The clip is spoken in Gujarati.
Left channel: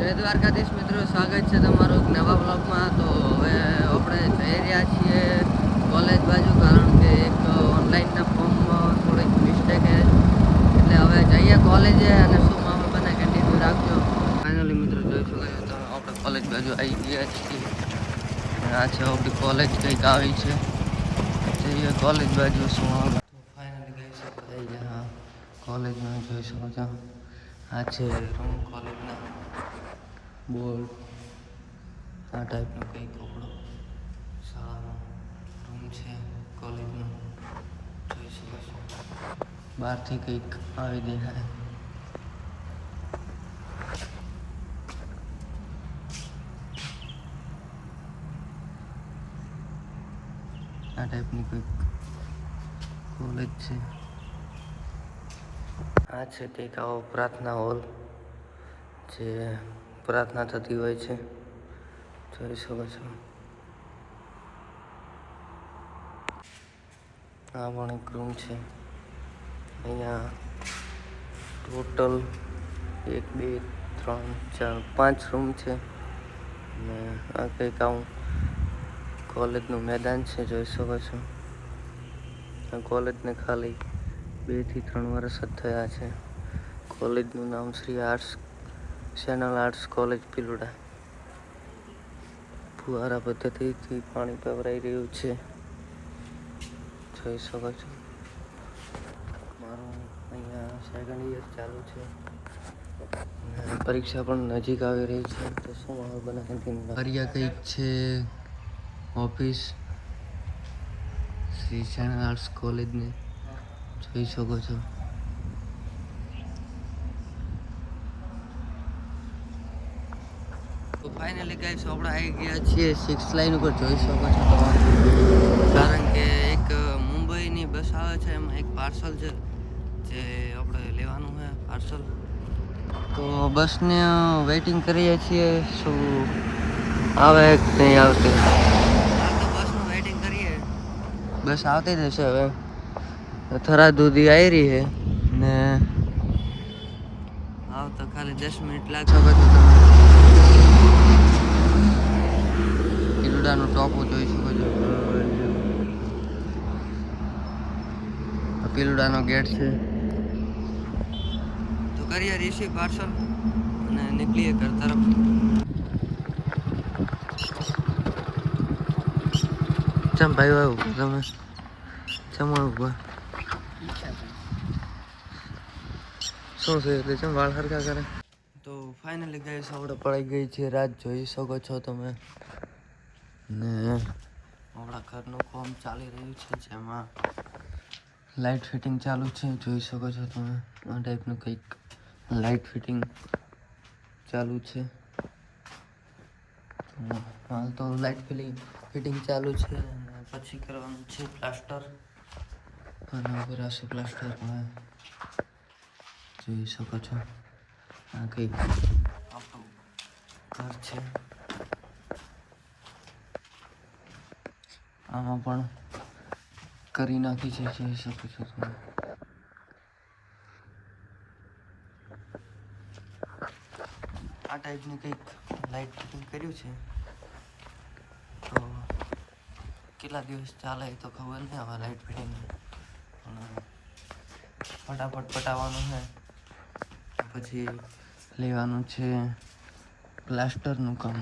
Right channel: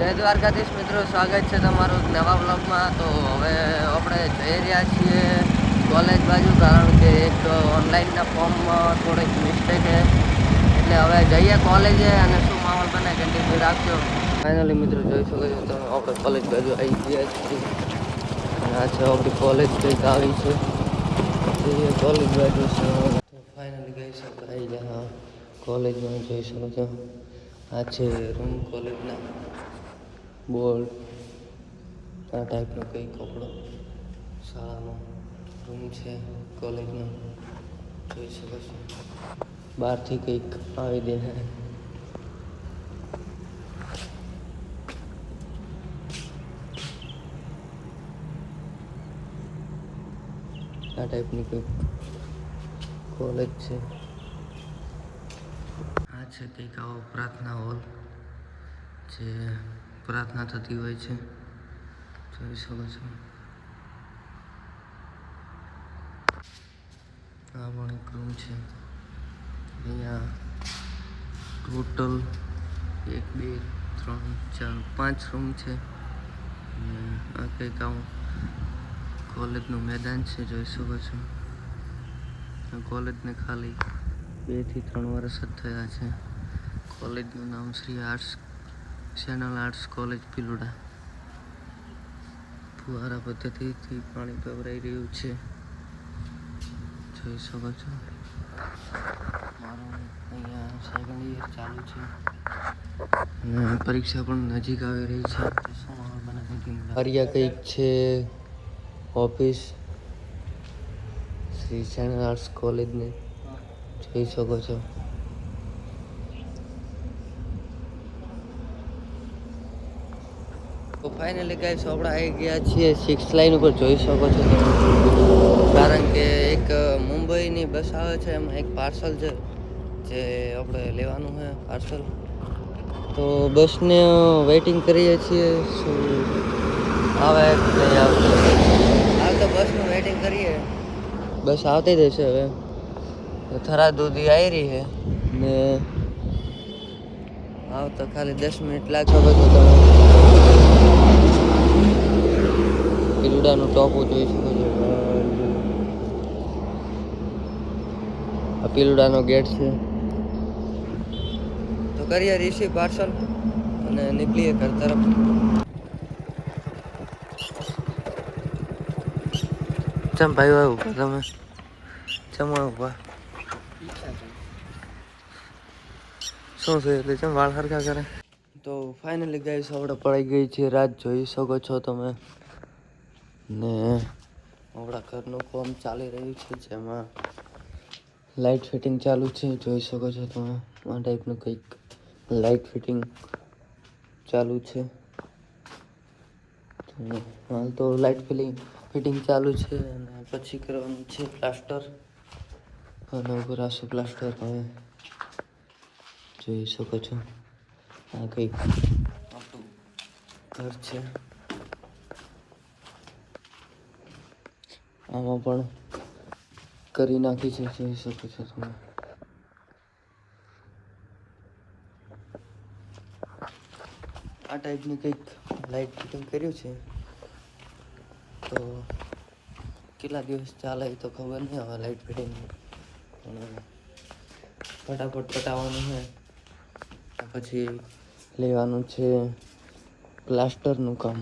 જય દ્વારકાધીશ મિત્રો, સ્વાગત છે તમારું નવા બ્લોગમાં। તો હવે આપણે જઈ રહ્યા છીએ કોલેજ બાજુ, કારણ કે એક ઓનલાઈનના ફોર્મમાં થોડીક મિસ્ટેક છે, એટલે હવે જઈએ કોલેજે અને શું માહોલ બને કન્ટિન્યુ રાખજો। ફાઇનલી મિત્રો જોઈ શકો છો તમે, આપણે કોલેજ બાજુ આવી ગયા છીએ અને આ છે આપણી કોલેજ કંઈક આવી છે। જઈએ કોલેજ બાજુ શું માહોલ। ફાઇનલી ગઈ છે આપણે આવી ગયા હા કોલેજમાં, જોઈ શકો છો આ છે રૂમ કોલેજના બોર્ડ, આ ટાઈપનો કંઈક કપડો શાળાનો રૂમ છે કોલેજનો, જોઈ શકો છો બહારથી કંઈક આવી દેખાય। આ ટાઈપની કંઈક કોલેજ છે। આ છે કંઈક આવો પ્રાર્થના હોલ, જે પ્રાર્થના થતી હોય છે, જોઈ શકો છો। આ પણ એક રૂમ છે, અહીંયા ટોટલ 1 2 3 4 5 રૂમ છે ને આ કંઈક આવું કોલેજનું મેદાન છે, જોઈ શકો છો। આ કોલેજને ખાલી 2 થી 3 વર્ષ જ થયા છે। કોલેજનું નામ Shri arts channel arts college Bhiloda. ફુવારા પદ્ધતિથી પાણી પવરાઈ રહ્યું છે, જોઈ શકો છો। મારું અહીંયા સેકન્ડ યર ચાલુ છે અને પરીક્ષા પણ નજીક આવી રહી છે, તો શું માહોલ બને કન્ટિન્યુ। આર્યા કંઈક છે ઓફિસ શ્રી ચેનલ આર્ટ્સ કોલેજની, જોઈ શકો છો। તો ફાઇનલી ગાઈસ આપણે આવી ગયા છીએ 6 લાઇન ઉપર, જોઈ શકો છો તમે, કારણ કે એક મુંબઈની બસ આવે છે, એમાં એક પાર્સલ છે જે આપણે લેવાનું છે પાર્સલ। તો બસને વેઇટિંગ કરીએ છીએ, શું આવે કે નહીં આવતી। હાલ તો બસનું વેઇટિંગ કરીએ, બસ આવતી જ હશે હવે। થરાદ સુધી આવી રહી છે ને આવતા ખાલી 10 મિનિટ લાગશે છો તમે। ભીલોડાનું ટોપું જોઈ શકો છો, આ ભીલોડાનો ગેટ છે। તો કરીએ રિસીવ પાર્સલ અને નીકળીએ ઘર તરફ। ચમ ભાઈ ઉભા તમે, ચમણ ઉભા શું છે એટલે ચમ વાળ હરખા કરે। તો ફાઇનલી ગાઈસ આપણે પડી ગઈ છે રાત, જોઈ શકો છો તમે ને આપણા ઘરનું કામ ચાલી રહ્યું છે, જેમાં લાઇટ ફિટિંગ ચાલુ છે, જોઈ શકો છો તમે। આ ટાઈપનું કંઈક લાઇટ ફિટિંગ ચાલુ છે, તો હાલ તો લાઇટ ફિટિંગ ચાલુ છે અને પછી કરવાનું છે પ્લાસ્ટર, અને ઉભરાશે પ્લાસ્ટર હવે, જોઈ શકો છો। આ કંઈક આપણું ઘર છે, આમાં પણ કરી નાખી છે, જોઈ શકો છો તમે। આ ટાઈપનું કંઈક લાઇટ ફિટિંગ કર્યું છે, તો કેટલા દિવસ ચાલે એ તો ખબર નહીં હવે લાઇટ ફિટિંગ, પણ ફટાફટ પટાવવાનું છે, પછી લેવાનું છે પ્લાસ્ટરનું કામ।